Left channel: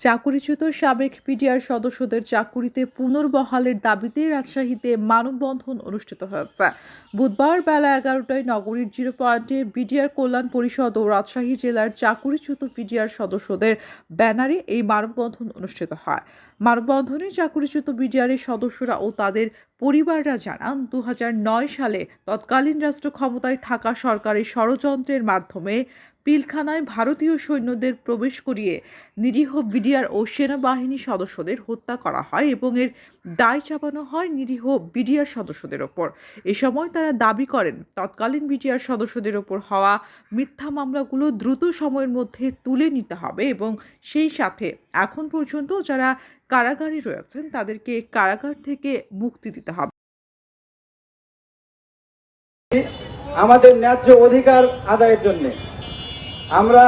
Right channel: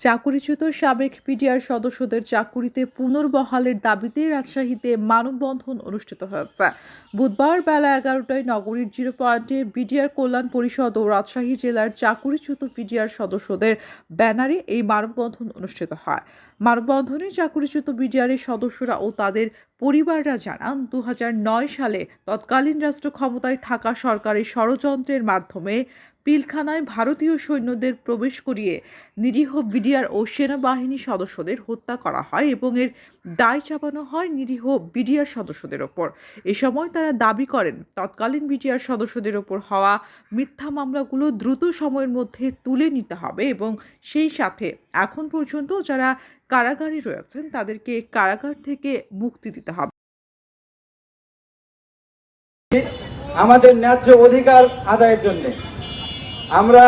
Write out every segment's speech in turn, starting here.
চাকুরিচ্যুত সাবেক পিডিআর সদস্যদের চাকুরিতে পুনর্বহালের দাবিতে রাজশাহীতে মানববন্ধন অনুষ্ঠিত হয়েছে। বুধবার বেলা এগারোটায় নগরীর জিরো পয়েন্টে বিডিআর কল্যাণ পরিষদ ও রাজশাহী জেলার চাকুরিচ্যুত পিডিআর সদস্যদের ব্যানারে এই মানববন্ধন অনুষ্ঠিত হয়। মানববন্ধনে চাকুরিচ্যুত বিডিআরের সদস্যরা ও তাদের পরিবাররা জানান দু হাজার নয় সালে তৎকালীন রাষ্ট্র ক্ষমতায় থাকা সরকারের ষড়যন্ত্রের মাধ্যমে পিলখানায় ভারতীয় সৈন্যদের প্রবেশ করিয়ে নিরীহ বিডিআর ও সেনাবাহিনী সদস্যদের হত্যা করা হয় এবং এর দায় চাপানো হয় নিরীহ বিডিআর সদস্যদের ওপর। এ সময় তারা দাবি করেন, তৎকালীন বিডিআর সদস্যদের ওপর হওয়া মিথ্যা মামলাগুলো দ্রুত সময়ের মধ্যে তুলে নিতে হবে এবং সেই সাথে এখন পর্যন্ত যারা কারাগারে রয়েছেন, তাদেরকে কারাগার থেকে মুক্তি দিতে হবে। আমাদের ন্যায্য অধিকার আদায়ের জন্য আমরা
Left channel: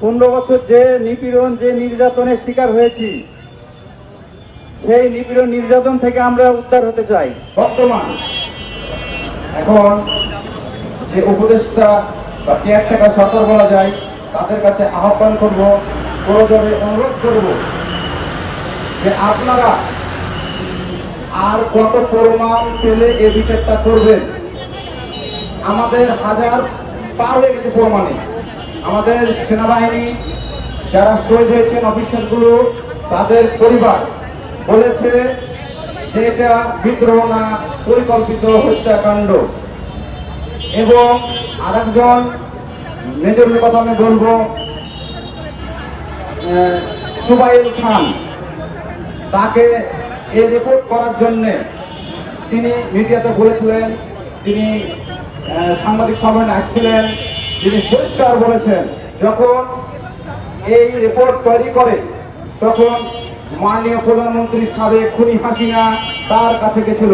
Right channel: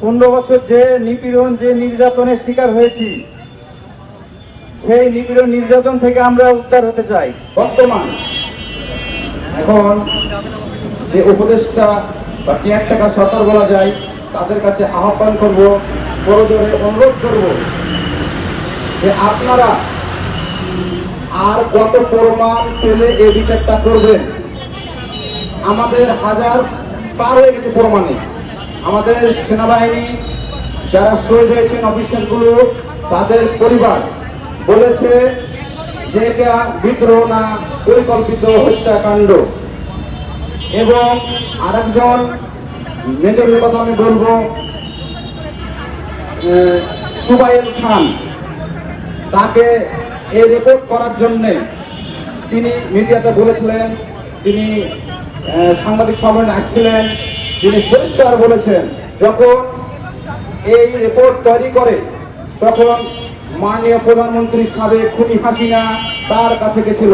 পনেরো বছর যে নিপীড়ন, যে নির্যাতনের শিকার হয়েছি, সেই নিপীড়ন নির্যাতন থেকে আমরা উদ্ধার হতে চাই, বর্তমান। এখন যে উপদেষ্টা বা কেয়ারটেকার সতর বলা যায়, তাদের কাছে আহ্বান করব প্রয়োজনে অনুরোধ করব যে আপনারা আর কত প্রমাণ পেলে এই বিচারটা করবেন? আমাদের হাজার পার হয়ে গেছে প্রমাণে। আমাদের সেনাবাহিনী যারা শহীদ হয়েছেন অফিসারগুলো তাদের পরিবার বলেছে যে এটা বিদ্রোহ না, পরিকল্পিত হত্যাকাণ্ড। এবং আরেকজন মেজরের কথা আমি বলব সুবাইল খান। তাকে এই রিপোর্ট করার জন্যে তিনি মিডিয়াতে বলেছিলেন, তিনি সাংবাদিক সম্মেলনে আসছিলেন। তিনি পরিষ্কার বলেছেন, যখন এই রিপোর্ট তৈরি করে, তখন মাননীয় প্রধানমন্ত্রী সাবেক খুনি হাসিনা তার কাছে গেছিল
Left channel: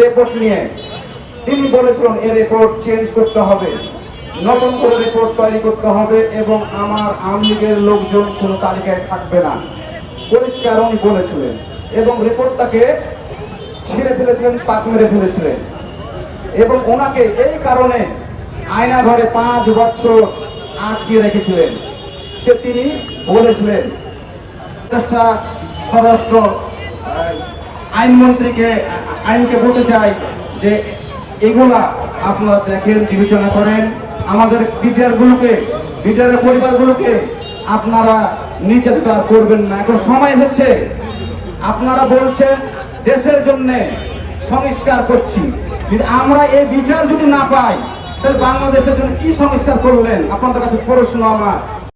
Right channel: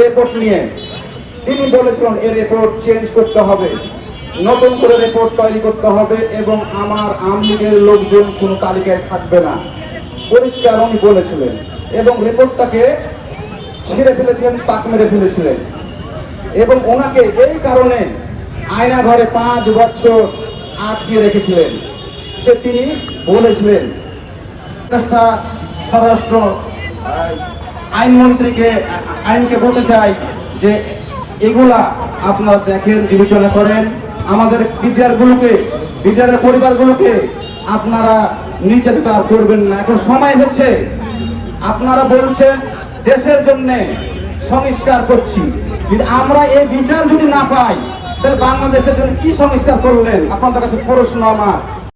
রিপোর্ট নিয়ে। তিনি বলেছিলেন, এই রিপোর্ট চেঞ্জ করতে হবে, নতুন করে রিপোর্ট তৈরি করতে হবে এবং আমার আওয়ামী লীগের লোকজন কোনো তালিকায় থাকবে না। পরিষ্কার উনি বলেছিলেন এবং রিপোর্টটাকে ছিঁড়ে ফেলেছিলেন পাক মেরে ফেলেছিলেন। এবং ওনাকে এই কারণে আয়না ঘরে পাঁচ বছর আটকে রেখেছিলেন। সে তিনি বলেছিলেন স্বরাষ্ট্র আইনমন্ত্রীকে, আইনকে বলতে চাই যে এগুলা আপনারা দেখেন, বিবেচনা করেন। আমাদের বিদ্যারগুলোকে বিদ্যারের পরিবারগুলোকে আপনারা নির্যাতন করবেন না। এখন সময় হচ্ছে, আপনারা বলছেন দেশের জন্য সংস্কার করছি। যদি আমরা এই বিচার যদি না পাই তাহলে বাংলাদেশের জন্য কি সংস্কার করলেন? আপনাদের কাছে প্রশ্ন আমার।